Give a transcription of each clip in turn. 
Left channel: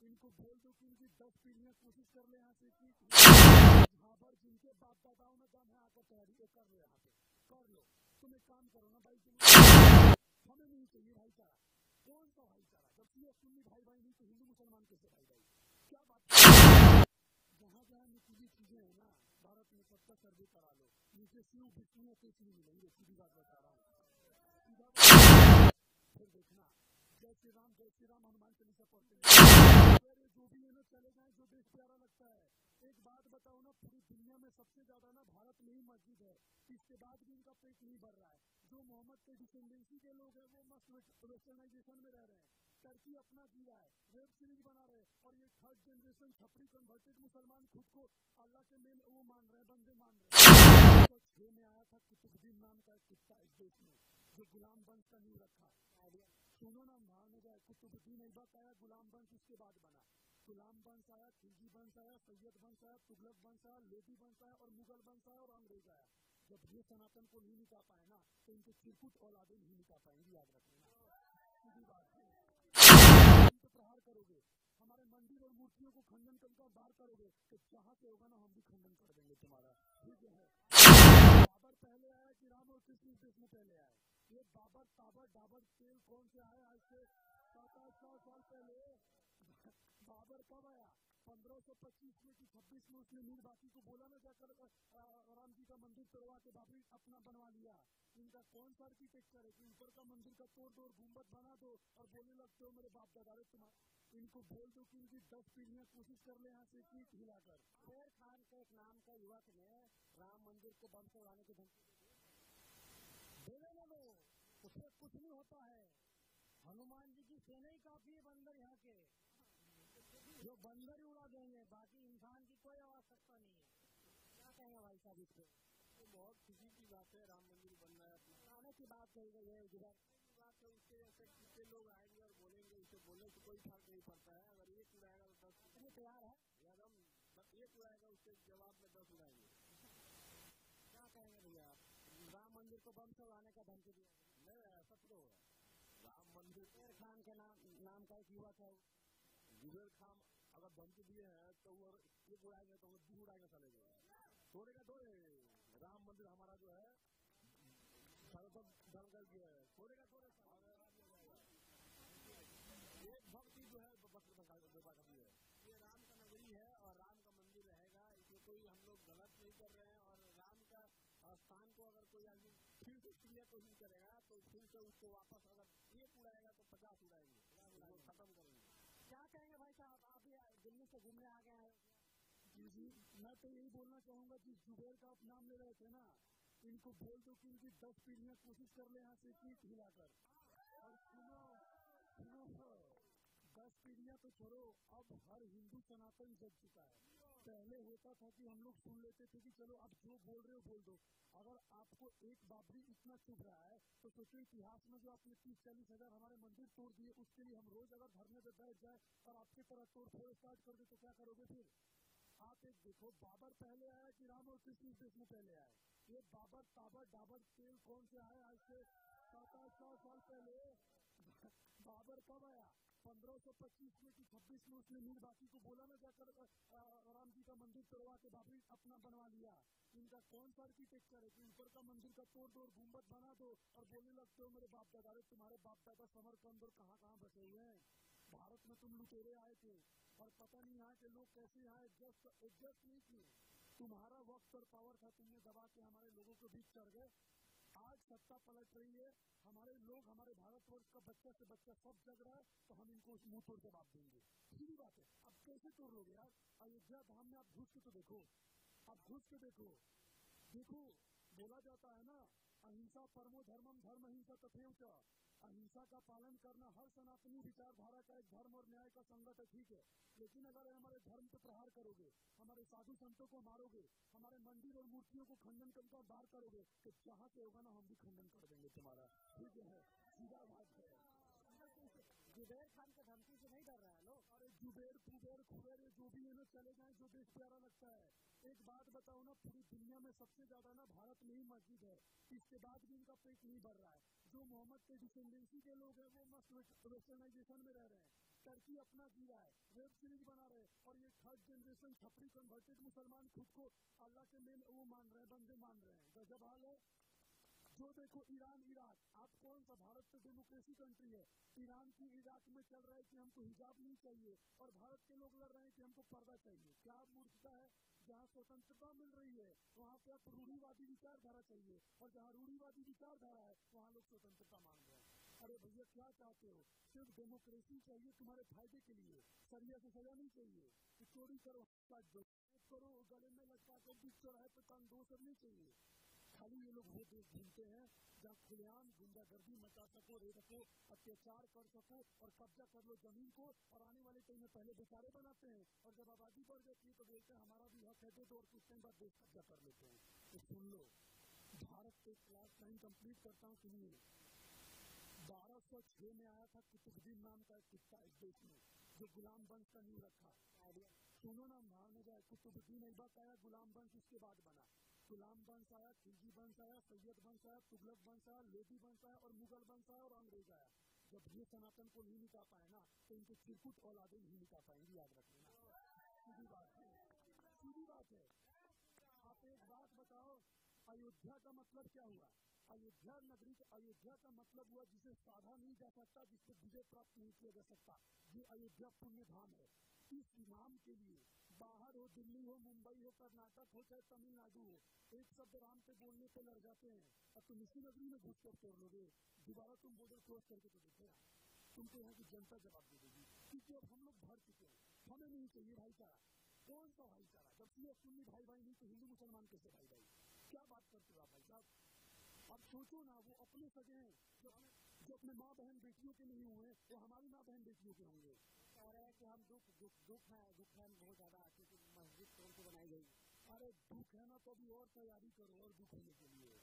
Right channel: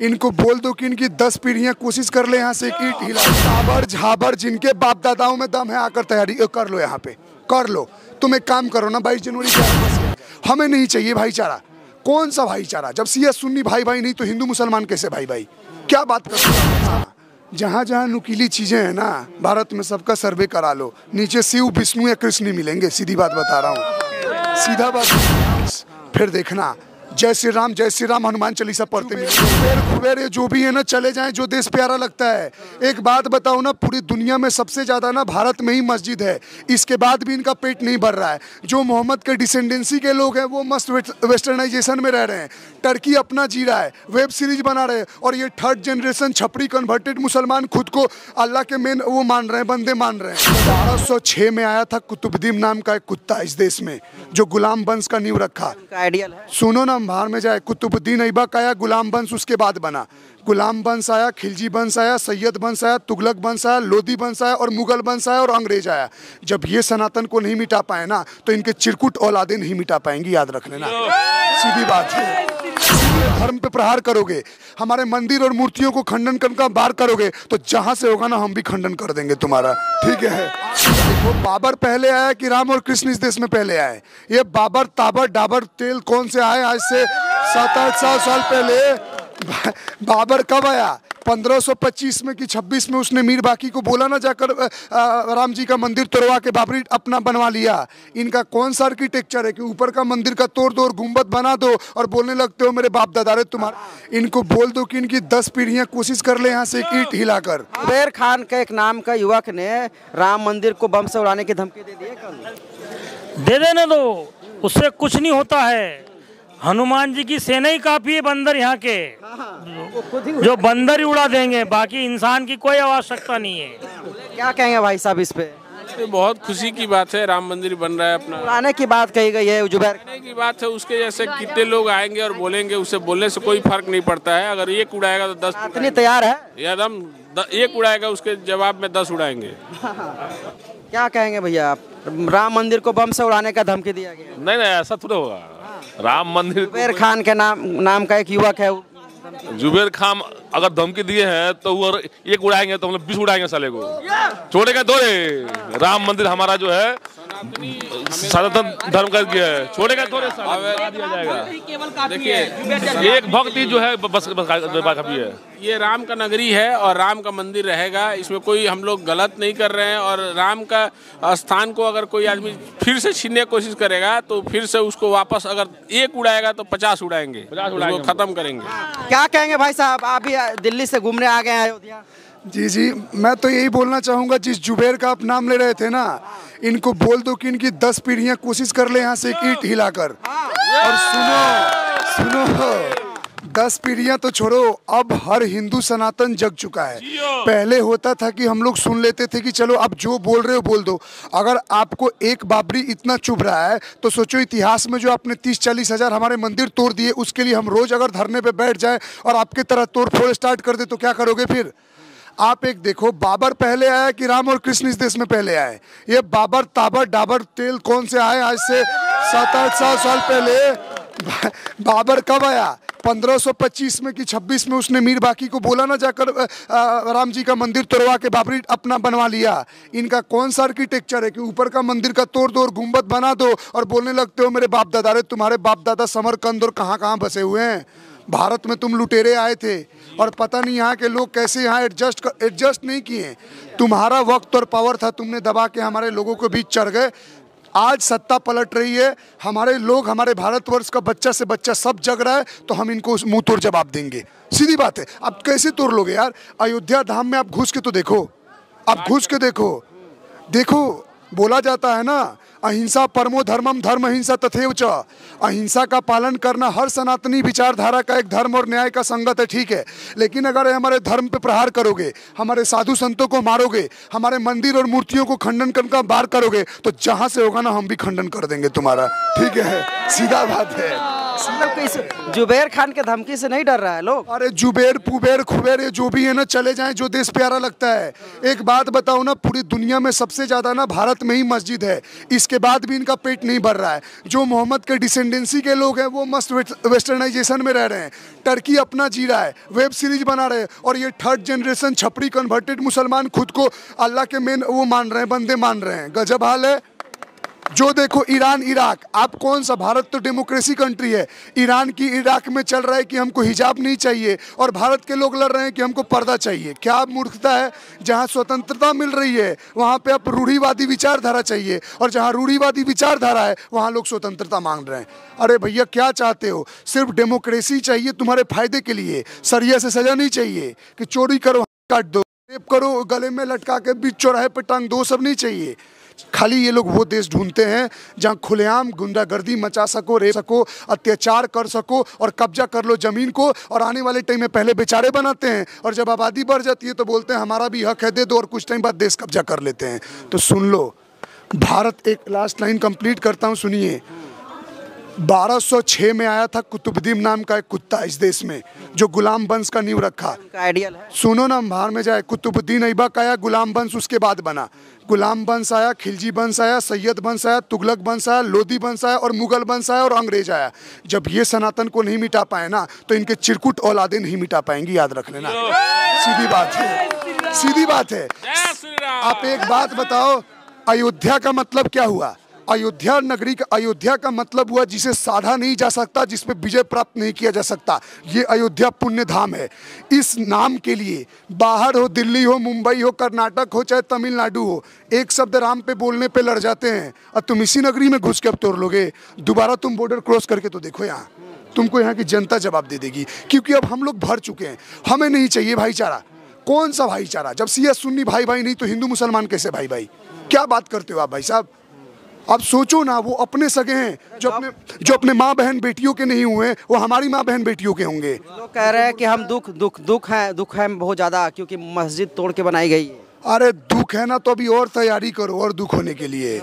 इनको बोल दो कि इनकी 10 पीढ़ियां कोशिश कर ले यहाँ से एक ईंट हिला। झाबर झाबर जिनके बाप दादाओं में दम है, आकर तैयारी कर लो, यहाँ पे कर लो। तुम एक काम करो ना, 22 जनवरी हमें नहीं चाहिए भाईचारा। कौन सा भाईचारा? जब सिया सुन्नी भाई भाई नहीं तो हिंदू मुसलमान कैसे भाई भाई? क्या बात कर रहे हो? जहाँ जहाँ नुकीली चीजें हैं ना भारत में, सबका सर्वे करा लो। नीचे शिव विष्णु या कृष्ण नहीं मिलेंगे, सीधी बात बता रहा हूँ, सीधा बात। फिर देखना, जय श्री राम हनुमान चालीसा पढ़ते मिलेंगे। जो भी है ना चले जाएं, जो देश प्यारा लगता है। एक बात बताओ ना, पूरी दुनिया में सबसे ज्यादा ना भारत में ही मस्जिद है, इसके बाद भी इनका पेट नहीं भर रहा है। जो मोहम्मद के डिसेंडेंसी के लोग हैं वो मस्त वेस्टर्नाइजेशन में रह रहे हैं, टर्की अपना जी रहा है, वेब सीरीज बना रहे हैं, और ये 3rd जनरेशन छपरी कन्वर्टेड मुसलमान खुद को अल्लाह के मेन वो मान रहे हैं, बंदे मान रहे हैं। 1206 में आया था कुतुबुद्दीन नाम का एक कुत्ता इस देश में, जो गुलाम वंश का नींव रखा। सुनो ना, बाहर में जाए, कुतुबुद्दीन ऐबक आया, गुलाम वंश उसके बाद बना। गुलाम वंश आया, खिलजी वंश आया, सैयद वंश आया, तुगलक वंश आया, लोधी वंश आया, और मुगल वंश आया, और अंग्रेज आया। जब ये सनातन को नहीं मिटा पाए ना, तो इनके चिरकुट औलादे नहीं मिटा पाएंगी, याद रख लेना, सीधी बात है। धर्म पे प्रहार करोगे, हमारे मंदिर और मूर्तियों को खंडन करके बार करोगे, तो जहां से होगा ना हम भी खंडन कर देंगे तुम्हारा, ठीक है? वो बाबर पहले आया कि राम और कृष्ण इस देश में पहले आए? ये बाबर ताबर डाबर तेल कौन से आए? आज से 700-800 साल पहले बाबर कब आया? 1525 में कि 26 में उसने मीर बाकी को बोला ना, जाकर राम जी का मंदिर तोड़वा के बाबरी अपना बनवा लिया। इनका कौन सा आर्किटेक्चर है कि ऊपर का मंदिर का तोड़ दो और गुंबद बना दो और बोलने लगते हो मेरे बाप दादा रे तुम्हारा। इनको बोल दो कि इनकी 10 पीढ़ियां कोशिश कर ले यहाँ से एक ईंट हिलाकर। जुबैर खान के एक नाम का युवक ने राम मंदिर को बम से उड़ाने की धमकी दे दी है कल। दे देने दो, उससे कुछ नहीं होता है। हनुमान जी की सेना ही काफी है बंदर यहाँ के, जो बंदर ही उड़ा देंगे, बाकी इंसान की कोई आवश्यकता नहीं है। क्या कहेंगे भाई साहब इस पे? ये बहुत खुशी की बात है, राम मंदिर बन रहा है अपना। उड़ाने की बात कही गई है, जुबैर की बात है, उसके जैसे कितने लोग आएंगे और बोलेंगे, उससे बोलने से कोई फर्क नहीं पड़ता है। अगर एक उड़ाएगा तो 10 इतनी तैयार है एकदम, एक उड़ाएगा उसके जवाब में 10 उड़ाएंगे। क्या कहेंगे भैया आप? राम मंदिर को बम से उड़ाने का धमकी दिया गया। नहीं नहीं, ऐसा थोड़ा होगा। राम मंदिर, जुबैर खान के नाम का एक युवक है, जुबैर खान अगर धमकी दिए हैं तो वो एक उड़ाएंगे तो हम लोग 20 उड़ाएंगे साले को, छोड़ेगा थोड़े। राम मंदिर हमारा जो है सनातन धर्म का है, छोड़ेगा थोड़े, दिया जाएगा। देखिए, एक भक्ति जो है बस काफी है। ये राम का नगरी है और राम का मंदिर रहेगा, इसमें कोई हम लोग गलत नहीं कर रहे हैं। और राम का स्थान को अगर कोई आदमी फिर से छीनने की कोशिश करेगा तो फिर से उसको वापस, अगर एक उड़ाएगा तो 50 उड़ाएंगे, 50 उड़ाएंगे, खत्म करेंगे। क्या कहेंगे भाई साहब? आप भी दिल्ली से घूमने आ गए हैं अयोध्या। जी, मैं तो यही बोलना चाहूँगा, जिस जुबैर का आप नाम ले रहे थे ना, इनको बोल दो कि इनकी 10 पीढ़ियां कोशिश कर ले यहाँ से एक ईंट हिलाकर। और सुनो, 10 पीढ़ियां तो छोड़ो, अब हर हिंदू सनातन जग चुका है। पहले होता था कि हम लोग सुन लेते थे कि चलो अब जो बोल रहे हो बोल दो। अगर आपको एक बाबरी इतना चुभ रहा है तो सोचो, इतिहास में जो आपने 30-40 हजार हमारे मंदिर तोड़ दिए, उसके लिए हम रोज अगर धरने पे बैठ जाए और आपके तरह तोड़ फोड़ स्टार्ट कर दे तो क्या करोगे फिर? आप एक देखो, बाबर पहले आया कि राम और कृष्ण इस देश में पहले आए? ये बाबर ताबर डाबर तेल कौन से आए? आज से 700-800 साल पहले बाबर कब आया? 1525 में कि 26 में उसने मीर बाकी को बोला ना, जाकर राम जी का मंदिर तोड़वा के बाबरी अपना बनवा लिया। इनका कौन सा आर्किटेक्चर है कि ऊपर का मंदिर का तोड़ दो और गुंबद बना दो और बोलने लगते हो मेरे बाप दादा रे तुम्हारे बाप दादा समरकंद और कहाँ कहाँ बसे हुए हैं। भारत में तुम लुटेरे आए थे और पता नहीं यहाँ के लोग कैसे यहाँ एडजस्ट नहीं किए। तुम्हारा वक्त और पावर था, तुमने दबा के हमारे लोगों के बीच चढ़ गए। आज सत्ता पलट रही है, हमारे लोग, हमारे भारतवर्ष का बच्चा से बच्चा सब जग रहा है, तो हम इनको मुंह तोड़ जवाब देंगे। सीधी बात है। आप कैसे तोड़ लोगे यार? अयोध्या धाम में आप घुस के तो देखो, आप घुस के देखो, बोला जाता है ना, अहिंसा परमो धर्मम, धर्म अहिंसा तथैव च। अहिंसा का पालन करना हर सनातनी विचारधारा का एक धर्म और न्याय का संगत है, ठीक है। लेकिन अगर हमारे धर्म पे प्रहार करोगे, हमारे साधु संतों को मारोगे, हमारे मंदिर और मूर्तियों को खंडन करके बार करोगे, तो जहां से होगा ना हम भी खंडन कर देंगे तुम्हारा, ठीक है। सीधा बात है, मतलब कि इस जुबैर खान के धमकी से नहीं डर रहा है लोग। अरे जुबेर पुबेर खुबेर ये जो भी है ना, चले जाएं, जो देश प्यारा लगता है। एक बात बताओ ना, पूरी दुनिया में सबसे ज्यादा ना भारत में ही मस्जिद है, इसके बाद भी इनका पेट नहीं भर रहा है। जो मोहम्मद के डिसेंडेंसी के लोग हैं वो मस्त वेस्टर्नाइजेशन में रह रहे हैं, टर्की अपना जी रहा है, वेब सीरीज बना रहे हैं, और ये थर्ड जनरेशन छपरी कन्वर्टेड मुसलमान खुद को अल्लाह के मेन वो मान रहे हैं, बंदे मान रहे हैं। गजब हाल है। जो देखो ईरान इराक, आप कौन सा, भारत तो डेमोक्रेसी कंट्री है, ईरान की इराक में चल रहा है कि हमको हिजाब नहीं चाहिए, और भारत के लोग लड़ रहे हैं कि हमको पर्दा चाहिए। क्या मूर्खता है। जहां स्वतंत्रता मिल रही है वहां पे अब रूढ़िवादी विचारधारा चाहिए, और जहां रूढ़िवादी विचारधारा है वहां लोग स्वतंत्रता मांग रहे हैं। अरे भैया क्या चाहते हो? सिर्फ डेमोक्रेसी चाहिए तुम्हारे फायदे के लिए, सरिया से सजा नहीं चाहिए कि चोरी करो काट दो, रेप करो गले में लटका के बीच चौराहे पे टांग दो, सब नहीं चाहिए। खाली ये लोग वो देश ढूंढते हैं जहां खुलेआम गुंडागर्दी मचा सको, रेप सको, अत्याचार कर सको और कब्जा कर लो जमीन को, और आने वाले टाइम में पहले बेचारे बनाते हैं, और जब आबादी बढ़ जाती है तो बोलते हैं हमारा भी हक है, दे दो, और कुछ टाइम बाद देश कब्जा कर लेते हैं। तो सुन लो भारत, एक लास्ट लाइन कंप्लीट करता हूं, सुनिए। 1206 में आया था कुतुबुद्दीन नाम का एक कुत्ता इस देश में, जो गुलाम वंश का नींव रखा। उनका आइडियल है। सुनो ना, बाहर में जाए, कुतुबुद्दीन ऐबक आया, गुलाम वंश उसके बाद बना। गुलाम वंश आया, खिलजी वंश आया, सैयद वंश आया, तुगलक वंश आया, लोधी वंश आया, और मुगल वंश आया, और अंग्रेज आया। जब ये सनातन को नहीं मिटा पाए ना, तो इनके चिरकुट औलादे नहीं मिटा पाएंगी, याद रख लेना। सीधी बात है, सीधी बात है। आप एक बात बताओ, अयोध्या का मतलब क्या हुआ? अयोध्या नगरी का, अयोध्या का मतलब हुआ जिसे साधा नहीं जा सकता, जिस पे विजय प्राप्त नहीं किया जा सकता। ये अयोध्या पुण्य धाम है। इस नाम के लिए बाहर हो, दिल्ली हो, मुंबई हो, कर्नाटक हो, चाहे तमिलनाडु हो, एक शब्द राम पे बोलने पे लड़ जाते हैं, और तुम इसी नगरी में घुस के अब तोड़ लोगे। दोबारा तुम बॉर्डर क्रॉस करके तो देखो, यहाँ तुमको यहाँ की जनता जवाब दे देगी, क्योंकि अब हम लोग भर चुके हैं। हमें नहीं चाहिए भाईचारा। कौन सा भाईचारा? जब सिया सुन्नी भाई भाई नहीं तो हिंदू मुसलमान कैसे भाई भाई? क्या बात करते हो आप भाई साहब? आप सोचो ना, वो अपने सगे हैं, जो अपने माँ बहन बेटियों के नहीं हुए, वो हमारी माँ बहन बेटियों के होंगे। लोग कह रहे हैं कि हम दुख है बहुत ज्यादा, क्योंकि मस्जिद तोड़ के बनाई गई है। अरे दुख है ना, तो अभी और तैयारी करो और दुख होने के लिए।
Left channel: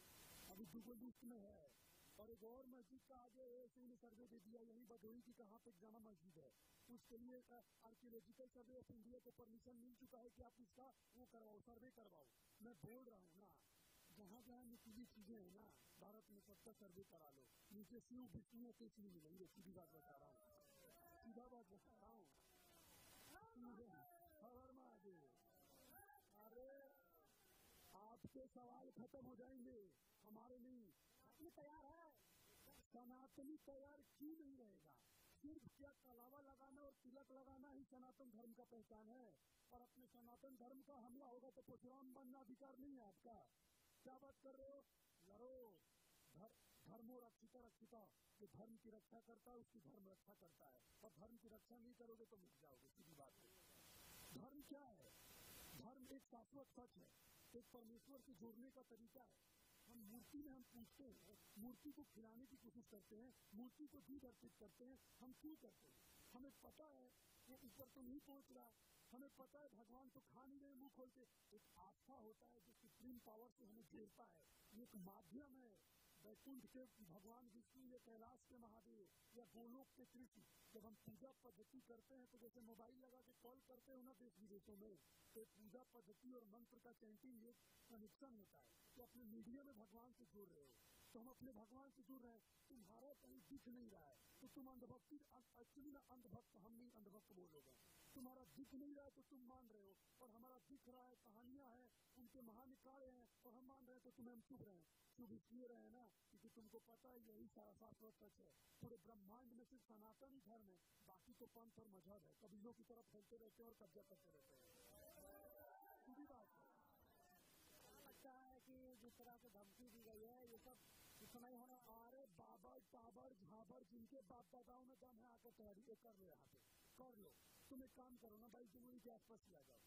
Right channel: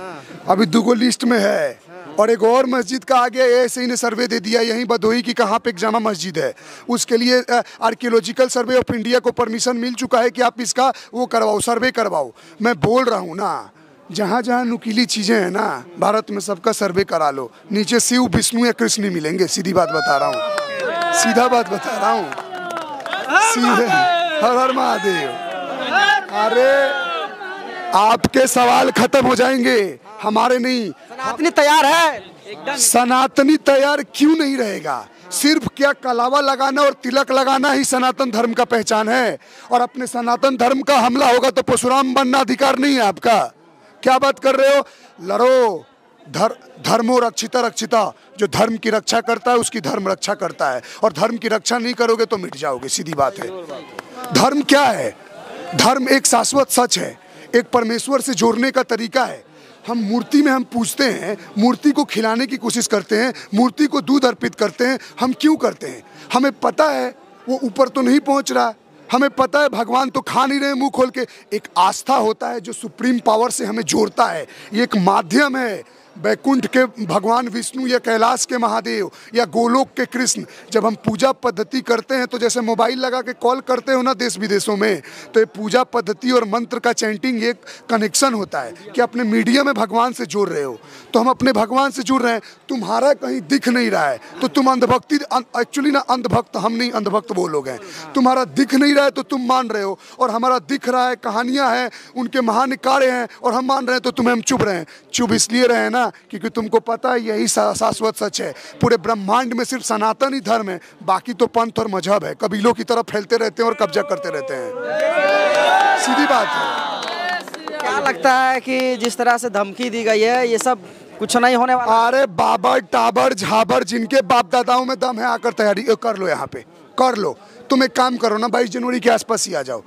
अभी दुगो लिस्ट में है, और एक और मस्जिद का आगे ऐसे ही ने सर्वे दे दिया यहीं बदोही की, कहाँ पे एक जामा मस्जिद है, उसके लिए आर्कियोलॉजिकल सर्वे ऑफ इंडिया को परमिशन मिल चुका है कि आप इसका वो करवाओ, सर्वे करवाओ। मैं बोल रहा हूँ ना, जहाँ जहाँ नुकीली चीजें हैं ना भारत में, सबका सर्वे करा लो। नीचे शिव विष्णु या कृष्ण मिलेंगे, सीधी बात बता रहा हूँ, सीधा बात बता रहा हूँ, सीधे। हर हर महादेव। अरे आपके सवाल खत्म हो जाएंगे, हमारे नहीं। सनातनी तैयार है। सनातनी तैयार क्यों नहीं रहेगा? सिर्फ क्या कलावा लगाना और तिलक लगाना ही सनातन धर्म का पहचान है, और अपने सनातन धर्म का हमला होगा तो परशुराम बनना अधिकार नहीं है आपका। क्या बात कर रहे हो? लड़ो। धर्मो रक्षिता रक्षिता, जो धर्म की रक्षा करता है उसकी धर्म रक्षा करता है, और धर्म की रक्षा नहीं करोगे तो मिट जाओगे, सीधी बात है। धर्म क्या है? धर्म एक शाश्वत सच है, एक परमेश्वर से जोड़ने का तरीका है। हम मूर्ति में हम पूजते हैं, मूर्ति को खिलाने की कोशिश करते हैं, मूर्ति को दूध अर्पित करते हैं। हम क्यों करते हैं? हमें पता है वो ऊपर तो नहीं पहुंच रहा, हमें पता है भगवान तो खा नहीं रहे मुंह खोल के। एक आस्था होता है जो सुप्रीम पावर से हमें जोड़ता है, ये एक माध्यम है। बैकुंठ के भगवान विष्णु या कैलाश के महादेव या गोलोक के कृष्ण, जब हम पूजा पद्धति करते हैं तो जैसे मोबाइल लगा के कॉल करते हो ना देश विदेशों में, तो ये पूजा पद्धति और मंत्र का चैंटिंग एक कनेक्शन होता है कि अपने मीडिया में भगवान से जुड़ रहे हो। तो हम अपने भगवान से जुड़ रहे हैं, तुम्हारा कहीं दिख नहीं रहा है तो तुम अंधभक्ति, एक्चुअली ना अंधभक्त हम नहीं, अंधभक्त वो लोग हैं। तुम्हारा दिख नहीं रहा है तो तुम मान रहे हो, और हमारा दिख रहा है, कहानियां हैं, उनके महान कार्य हैं, और हम मान रहे हैं, तो तुम्हें हम चुप रहे हैं। चुप इसलिए रहे ना क्योंकि तुमको पता है यही शाश्वत सच है। पूरे ब्रह्मांड में सिर्फ सनातन ही धर्म है, बाकी तो पंथ और मजहब है, कबीलों की तरफ फैलते रहते हैं और कब्जा करते रहते हैं। सीधी बात है। क्या लगता है कि जिस तरह से धमकी दी गई है ये सब कुछ नहीं होने वाला? अरे बाबर टाबर झाबर जिनके बाप दादाओं में दम है, आकर तैयारी कर लो, यहाँ पे कर लो। तुम एक काम करो ना, 22 जनवरी के आसपास ही आ जाओ।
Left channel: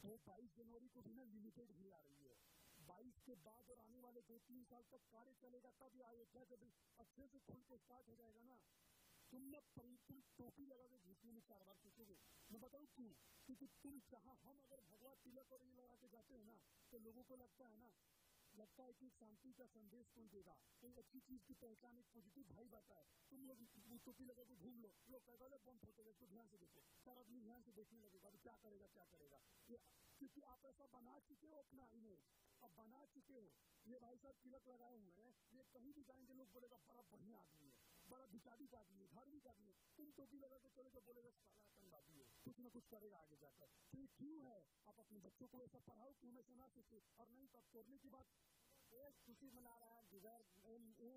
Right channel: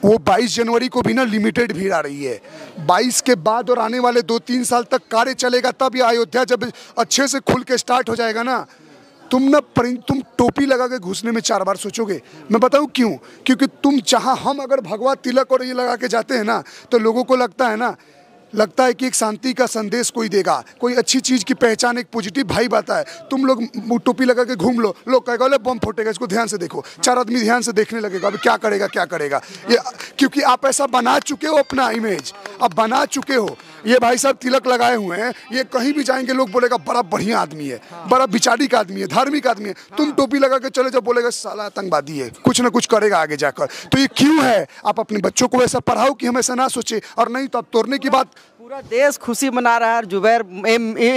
वो 22 जनवरी को भी ना लिमिटेड भीड़ आ रही है। 22 के बाद और आने वाले 2-3 साल तक कार्य चलेगा, तब ये अयोध्या जब अच्छे से खुल के स्टार्ट हो जाएगा ना, तुम टोपी लगा के घुसने में 4 बार सोचोगे। मैं बताऊं क्यों? क्योंकि हम अगर भगवा तिलक और ये लगा के जाते हैं ना, तो लोगों को लगता है ना लगता है कि एक शांति का संदेश कोई देगा, कोई अच्छी चीज की पहचान, एक पॉजिटिव भाई बात है। तुम लोग टोपी लगा के घूम लो, लोग कहेगा ले बम फूटेगा, इसको ध्यान से देखो, 4 आदमी ध्यान से देखने लगेगा अभी क्या करेगा क्या करेगा ये, क्योंकि आप ऐसा बना चुके हो अपना इमेज, अब बना चुके हो। ये भाई साहब तिलक लगाए हुए हैं, ये कहीं भी जाएंगे लोग बोलेगा बड़ा बढ़िया आदमी है, बड़ा विचारिक आदमी है, धार्मिक आदमी है। तुम टोपी लगा के चले जाओ, बोलेगा साला आतंकवादी है, कुछ ना कुछ करेगा आगे जाकर। तो ये क्यों है? आप अपने बच्चों को ऐसा पढ़ाओ कि हम ऐसा ना सोचे, और नहीं तो आप तोड़ने की बात। पूरा देश खुशी मना रहा है, जुबैर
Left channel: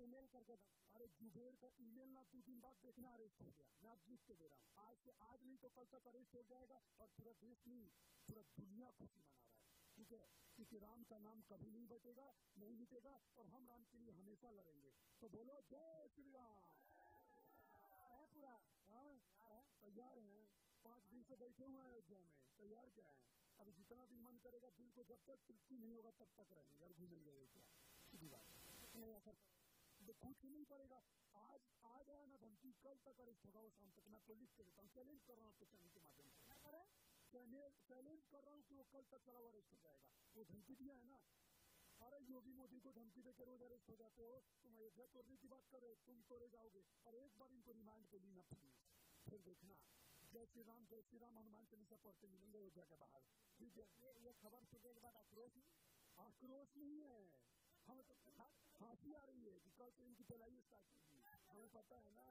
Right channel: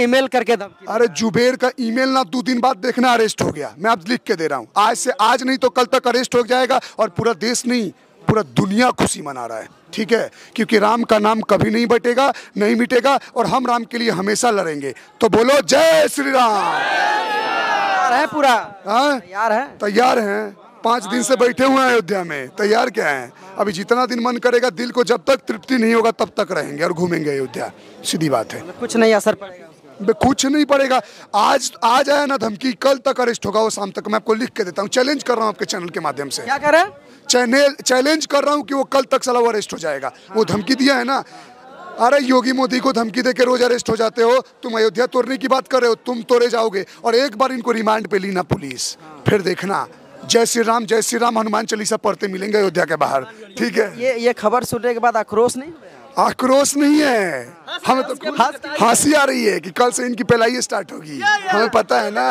ईमेल करके धमकी। अरे जुबैर का ईमेल ना 2 दिन बाद देखना अरेस्ट हो गया, मैं अब लिख के दे रहा हूँ, आज से आज नहीं तो कल तक अरेस्ट हो जाएगा, और पूरा देश नहीं पूरा दुनिया खुशी मना रहा है, ठीक है? क्योंकि राम का नाम कभी नहीं बटेगा, नहीं मिटेगा, और हम राम के लिए हमेशा लड़ेंगे। तो बोलो जय श्री राम। तैयार है पूरा? हाँ तैयार है, तैयार हैं। 5 दिन से बैठे हुए हैं अयोध्या में, तैयार क्या है? अभी जितना दिन मन करेगा, दिल को जब तक तृप्ति नहीं होगा तब तक रहेंगे और घूमेंगे अयोध्या, सीधी बात है। कुछ नहीं असर पड़ेगा उसका। कुछ नहीं पड़ेगा। आज आया ना धमकी, कल तक अरेस्ट होगा वो, शाम तक। मैं आपको लिख के देता हूँ, चैलेंज कर रहा हूँ आपके चैनल के माध्यम से। क्या कर रहे हैं? चैलेंज कर रहा हूँ कि वो कल तक साला वो अरेस्ट हो जाएगा। वो धमकी दिया है ना, अरे योगी मोदी को धमकी देके रोज अरेस्ट हो जाते हो, तुम अयोध्या तोड़ने की बात कर रहे हो, तुम तोड़े जाओगे। और एक बार इनको रिमांड पे ली ना पुलिस, फिर देखना जय श्री राम हनुमान चालीसा पढ़ते मिलेंगे अयोध्या के बाहर, ठीक है? ये खबर सुनने के बाद आक्रोश नहीं? आक्रोश नहीं है, हमें तो हंसी आ रही है कि कल से इनकी पहलाई स्टार्ट होगी, हमें पता है ना।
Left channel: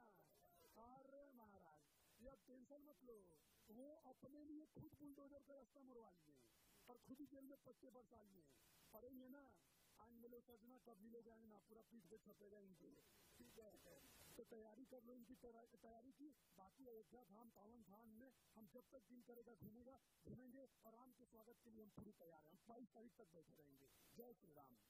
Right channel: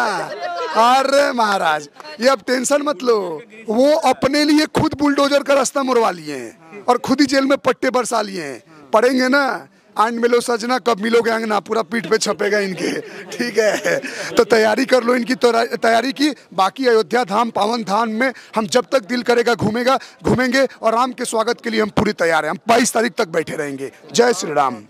अरे महाराज, ये अब टेंशन मत लो, वो अपने लिए खुद बुलडोजर का रास्ता मुड़वा लिए हैं और खुद ही जेल में पट्टे बरसा लिए हैं। पढ़ेंगे ना, आंड मिलो सजना कब मिलोगे अंगना, पूरा पीठ पे छपेगा इनके, ठीक है? तो तैयारी कर लो इनकी, तैयारी की। बाकी अयोध्या धाम पावन धाम में हम जब तक दिल करेगा घूमेंगे, और राम के स्वागत के लिए हम पूरी तैयार हैं। हम 22 तारीख तक बैठे रहेंगे। जय श्री राम।